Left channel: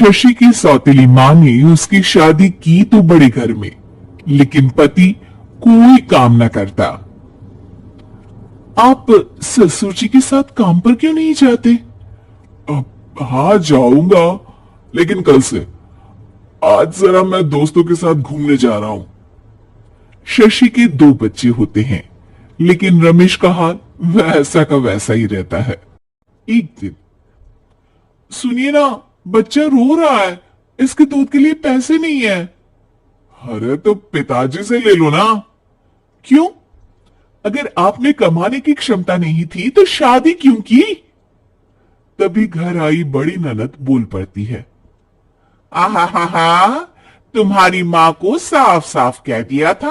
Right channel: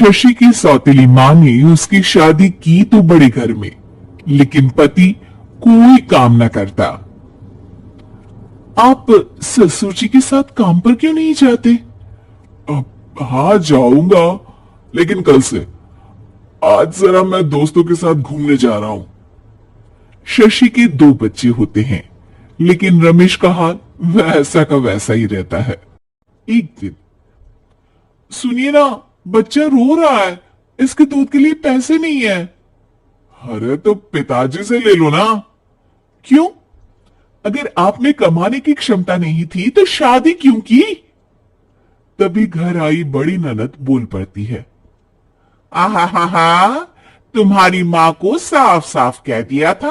शशि की सौतेली माँ ने उसकी शादी की तो बड़े घर में, लेकिन पति कोई काम न करता। आप ससुर जी के साथ काम पर क्यों नहीं जाते? हाँ जाऊंगा, लेकिन कल से। आज जरा मैं दोस्तों के साथ घूमने जा रहा हूं। शशि के दो बच्चे होते हैं, लेकिन रमेश का हाल वैसा का वैसा ही रहता है। एक दिन, सुनिए ना, बच्चा रो रहा है, इसके दूध के लिए पैसे नहीं है। अरे तो पिताजी से ले लो ना। क्यों? अगर आप में कमाने की क्षमता नहीं थी तो शादी क्यों की? तभी घर आई बड़ी ननद बोल पड़ती है, आहा हा हा, तुम्हारी माँ को साफ साफ कह दिया था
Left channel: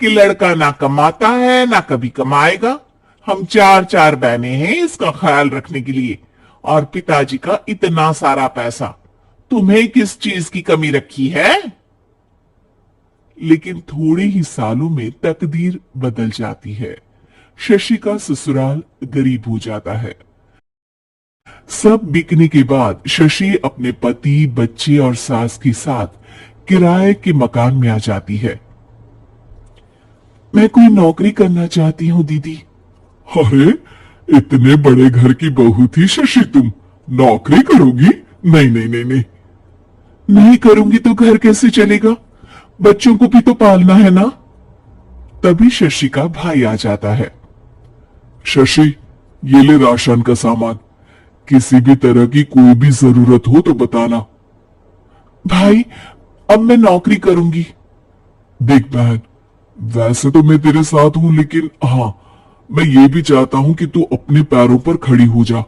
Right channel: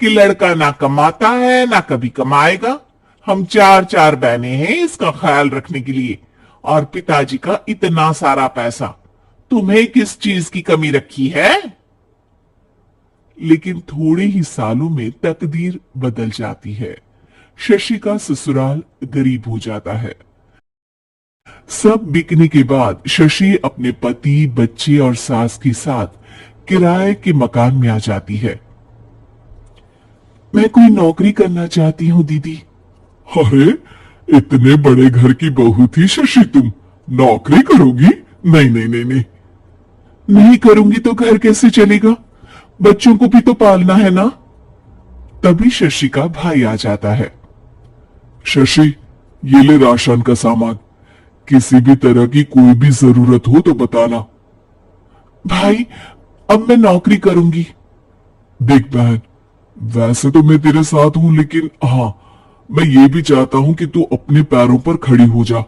कि लड़का ना कमाता है ना कभी कमाएगा। हम चार चार बहनें हैं इसका ख्याल रखने के लिए, और पिताजी का इतना सारा पैसा, तुम्हें किस चीज की कमी रखी है? लेकिन थोड़े ही सालों में तकदीर बदल जाती है। शशि का ससुराल गरीब हो जाता है। सब बिकने के बाद शशि अपने पति, बच्चे और सास के साथ किराए के मकान में आ जाती है। मैं कोई नौकरी करना चाहती हूँ दीदी। अरे इतने बड़े घर की बहू थी शशि, तुम नौकरी करोगी? नहीं नहीं नहीं नहीं। नहीं करूंगी तो घर कैसे चलेगा? बच्चों को भी तो पालना है ना। तभी शशि का भाई आ जाता है। शशि, ये ले राशन का सामान, किसी भी तरह की कोई भी जरूरत हो तो बताना। भाई, अब मैं नौकरी करूंगी। देख बहन, वैसे तो मैं तेरे साथ हूं, लेकिन हाँ, मैं ये भी चाहता हूं कि तू अपने पैरों पर खड़ी हो जा।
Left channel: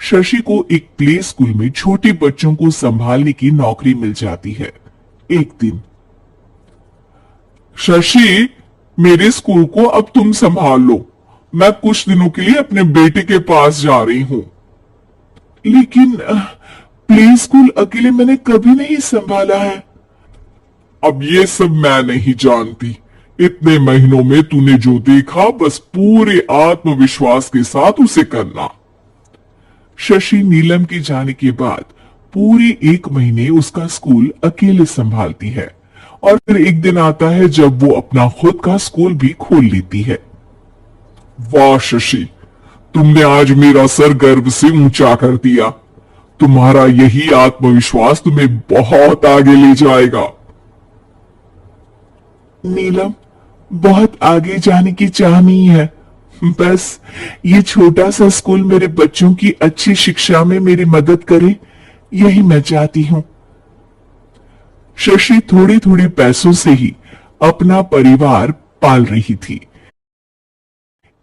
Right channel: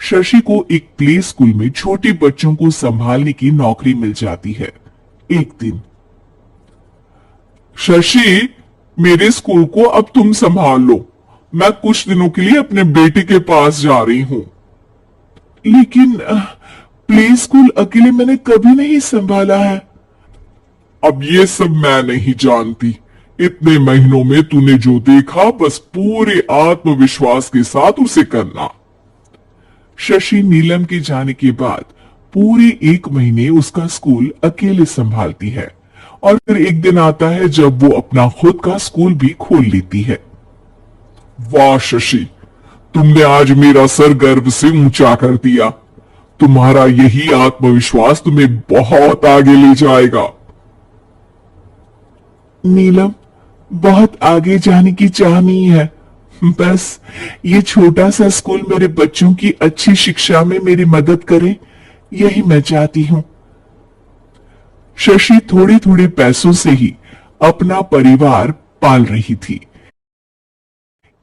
शशि को एक प्ले स्कूल में छोटे बच्चों को संभालने की नौकरी मिल जाती है। एक दिन, शशि, मेरे स्कूल को अब तुम संभाल लो, मैं कुछ दिनों के लिए अपने बेटे के पास जा रही हूं। लेकिन प्ले स्कूल अकेले मैंने कभी नहीं संभाला है। अब ये सब मैं नहीं जानती। इतने महीनों में तूने जो देखा, बस पूरे आत्मविश्वास के साथ उसे करना। शशि नीलम के जाने के बाद पूरे 1 महीने उसका स्कूल अकेले संभालती है, और फिर एक दिन आता है जब वो अपना खुद का स्कूल भी खोल लेती है। वाह शशि, तुमने आज मेरा सर गर्व से ऊंचा कर दिया। तुम्हारा यही आत्मविश्वास तुम्हें बहुत आगे ले जाएगा। नीलम, बहुत आगे जाने की चाह नहीं है, बस ये छोटा सा स्कूल मेरे बच्चों की अच्छी शिक्षा में मेरी मदद करे, यही मैं चाहती हूँ। शशि थोड़े थोड़े पैसों से ही अपना परिवार पाल रही थी।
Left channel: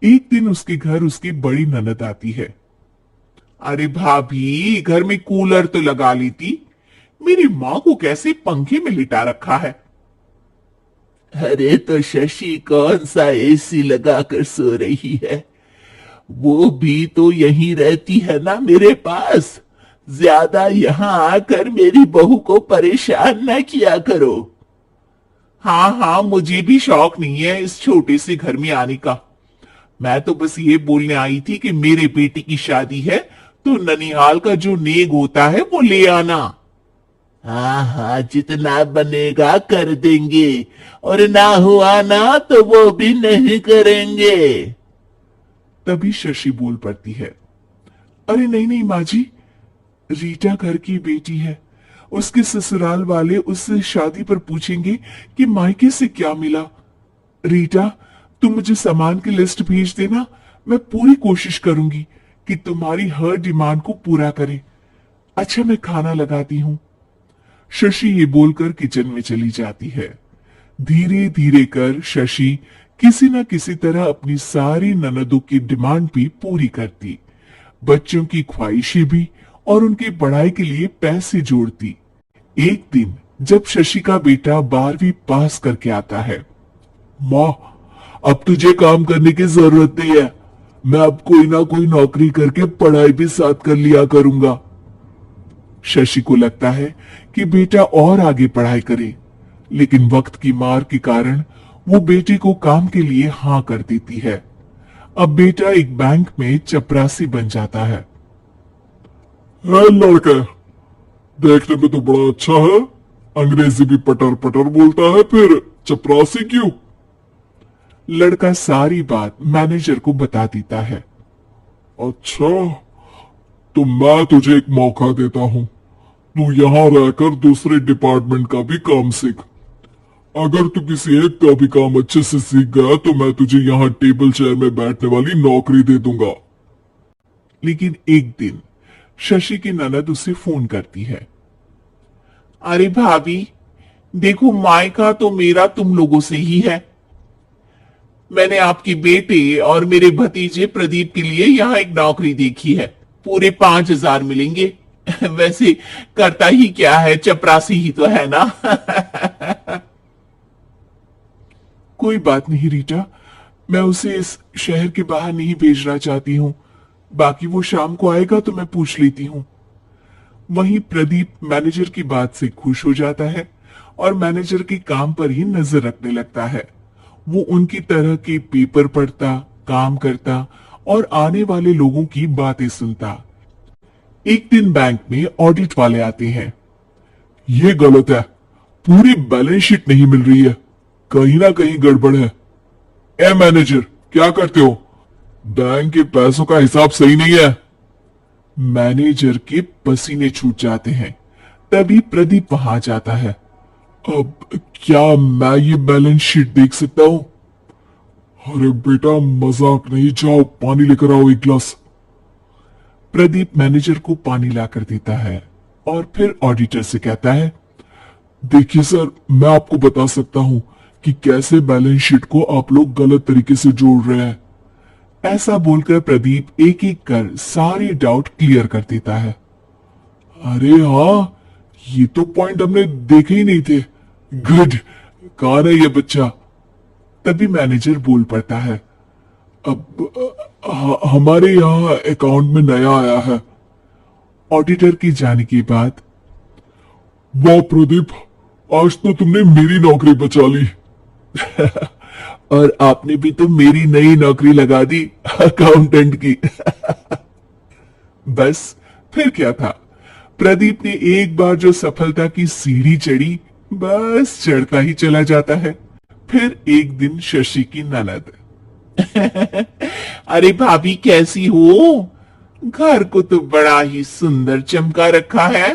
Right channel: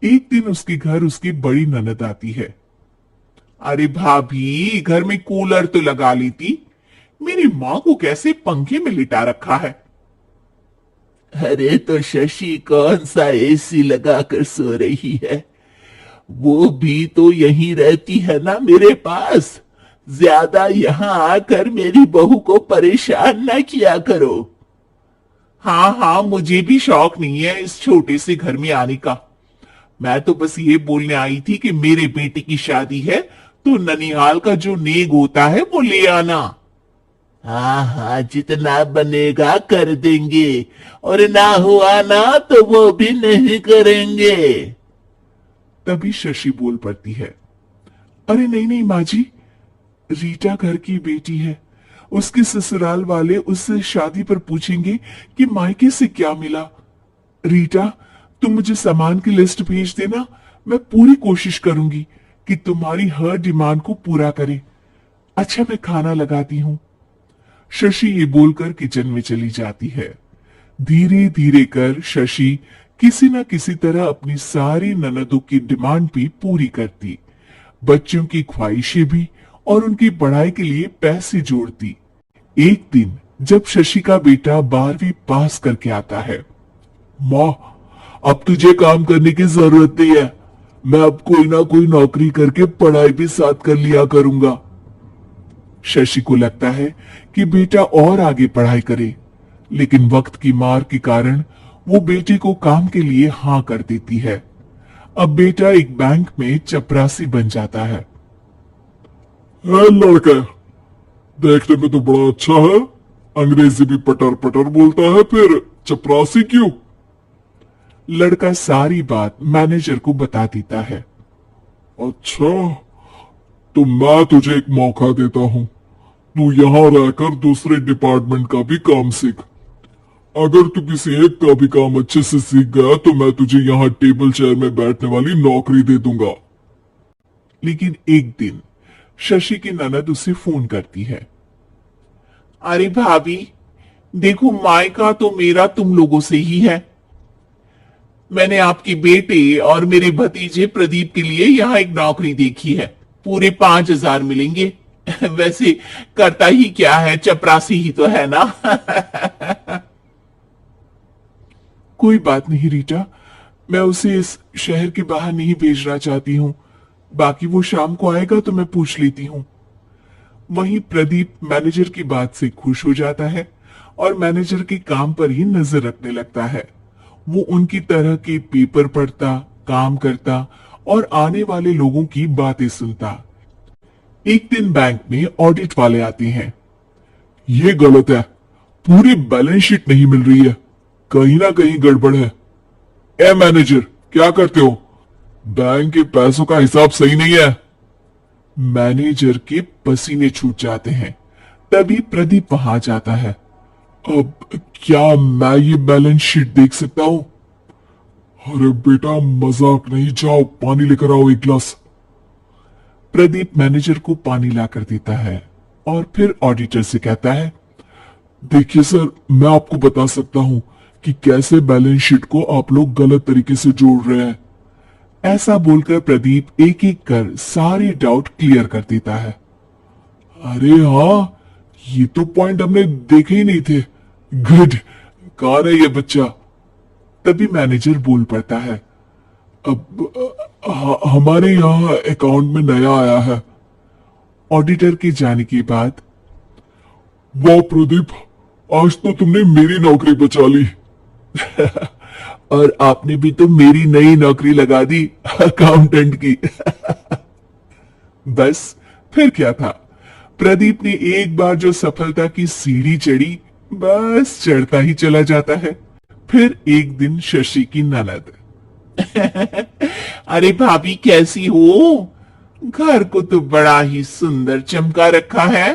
एक दिन उसके घर उसकी बड़ी ननद आती है। अरे भाभी, घर में कूलर तो लगा ली थी, मेरी माँ को कैसे पंखे में लिटा रखा है? अरे तो शशि कौन सा एसी लगाकर सो रही है, वो भी तो यहीं रहती है ना मेरे पास। ज्यादा यहां आकर मेरी बहू को परेशान ना किया करो। हाँ हाँ, मुझे भी शौक नहीं है इस छोटे से घर में आने का। मैं तो बस ये बोलने आई थी कि मेरे बेटे की शादी है तो ननिहाल का जो नेग होता है वो ले आना। हाँ हाँ, जितना बनेगा कर देंगे, और ना हुआ ना तो वो भी नहीं करेंगे। तभी शशि बोल पड़ती है, अरे नहीं नहीं माँ जी, रीटा घर की बेटी है, उसके ससुराल वाले उससे शादी पर पूछेंगे कि मायके से क्या मिला। रीटा, तुम मुझे सामान की लिस्ट भेज देना, मैं पूरी कोशिश करूंगी कि तुम्हारी हर डिमांड को पूरा करे। अच्छा, मैं खाना लगाती हूँ। शशि ये बोलकर किचन में चली जाती है। धीरे धीरे कर शशि किसी न किसी तरह अपनी सारी ननदों की डिमांड भी पूरी करती, बच्चों की ख्वाहिशें भी, और उनकी पढ़ाई के लिए पैसे जोड़ती। एक दिन जब शशि का बेटा 12वीं पास करके आता है, माँ, अब तुझे काम करने की जरूरत नहीं है, मैं अब कोई ना कोई नौकरी करके पढ़ाई भी साथ कर लिया करूंगा। शशि को लगता है कि बेटा और आगे पढ़ाई करे, लेकिन वक्त की मार के कारण वो बेटे को काम के लिए हाँ कर देती है। अब बेटा एक बैंक में चपरासी बन जाता है। लड़का, देखने में तो बड़ा अच्छा है, अंग्रेजी भी पटर पटर बोलता है, फिर चपरासी क्यों? लड़का सारी बात मैनेजर को बता देता है। अच्छा, तो मैं तुझे एक मौका देता हूँ, तू यहाँ रहकर दूसरे डिपार्टमेंट का भी काम सीख। अगर तू किसी एक का भी काम अच्छे से सीख गया तो मैं तुझे यहाँ टेबल चेयर में बैठने वाली नौकरी दे दूंगा। लेकिन एक दिन शशि की ननद उसे फोन करती है। अरे भाभी, देखो मायका तो मेरा तुम लोगों से ही है। मैंने आपके बेटे और मेरे भतीजे प्रदीप के लिए यहाँ एक नौकरी देखी है, पूरे 5,000 मिलेंगे। वैसे करता ही क्या है, चपरासी ही तो है ना। कोई बात नहीं रीटा, मैं उसे इस शहर के बाहर नहीं भेजना चाहती हूँ। बाकी वो शाम को आएगा तो मैं पूछ लेती हूँ। वहीं प्रदीप मैनेजर की बात से खुश हो जाता है और मैनेजर के काम पर ही नजर रखने लगता है। वो उनकी तरह के पेपर पढ़ता, काम करता और आने वाले लोगों की बातें सुनता। एक दिन बैंक में ऑडिट वाले आते हैं। ये गलत है, पूरी बैलेंस शीट नहीं मिल रही है, कहीं ना कहीं गड़बड़ है। ए मैनेजर, क्या करते हो? बैंक के पैसों का हिसाब सही नहीं है। मैनेजर के पसीने छूट जाते हैं। तभी प्रदीप वहां जाता है। अब क्या मैं ये बैलेंस शीट देख सकता हूँ? अरे बेटा, मजाक नहीं, जाओ पानी लेकर आओ एक गिलास। प्रदीप मैनेजर को पानी लाकर देता है और फिर ऑडिटर से कहता है। देखिए सर, मैं आपको बता सकता हूँ कि कैसे बैलेंस शीट को आप लोग गलत तरीके से जोड़ रहे हैं। ऐसा बोलकर प्रदीप एक एक कर सारे डाउट क्लियर कर देता है। अरे हाँ, ये तो पॉइंट हमने देखे ही नहीं थे। गुड, कौन है ये बच्चा? तभी मैनेजर बोल पड़ता है। अब हमारे यहाँ अकाउंट में नया आया है। ऑडिटर के जाने के बाद, वाह प्रदीप, आज तो तुमने मेरी नौकरी बचा ली। और आपने भी तो मेरी नई नौकरी लगा दी, अकाउंटेंट की। बस फिर क्या था, प्रदीप ने एक बार जो सफलता की सीढ़ी चढ़ी, बस चढ़ता ही चला जाता है। फिर एक दिन शशि की ननद। अरे भाभी, कैसी हो? घर को तो बड़ा ही सुंदर चमका रखा है।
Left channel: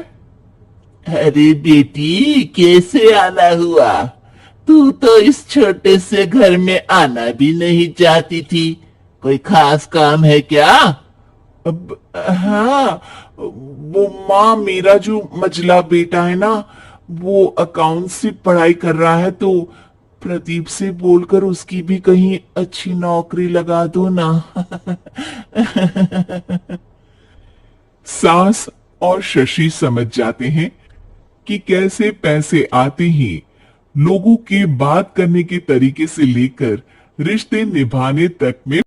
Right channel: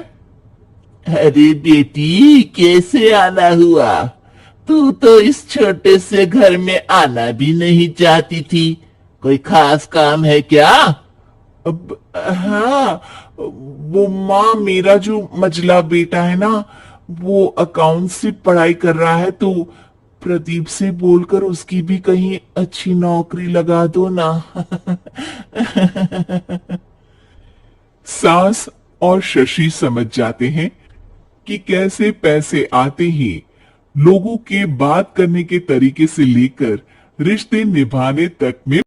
अरे बेटी, कैसे आना हुआ? तू तो इस छोटे से घर में आना भी नहीं चाहती थी। कोई खास काम है क्या? अब हाँ, वो माँ, मेरा जो मझला बेटा है ना, वो अकाउंट से पढ़ाई कर रहा है, तो प्रदीप से बोलकर उसकी भी कहीं अच्छी नौकरी लगा दो ना। सास और शशि समझ जाते हैं कि कैसे पैसे आते ही लोगों के बात करने के तरीके से लेकर रिश्ते निभाने तक में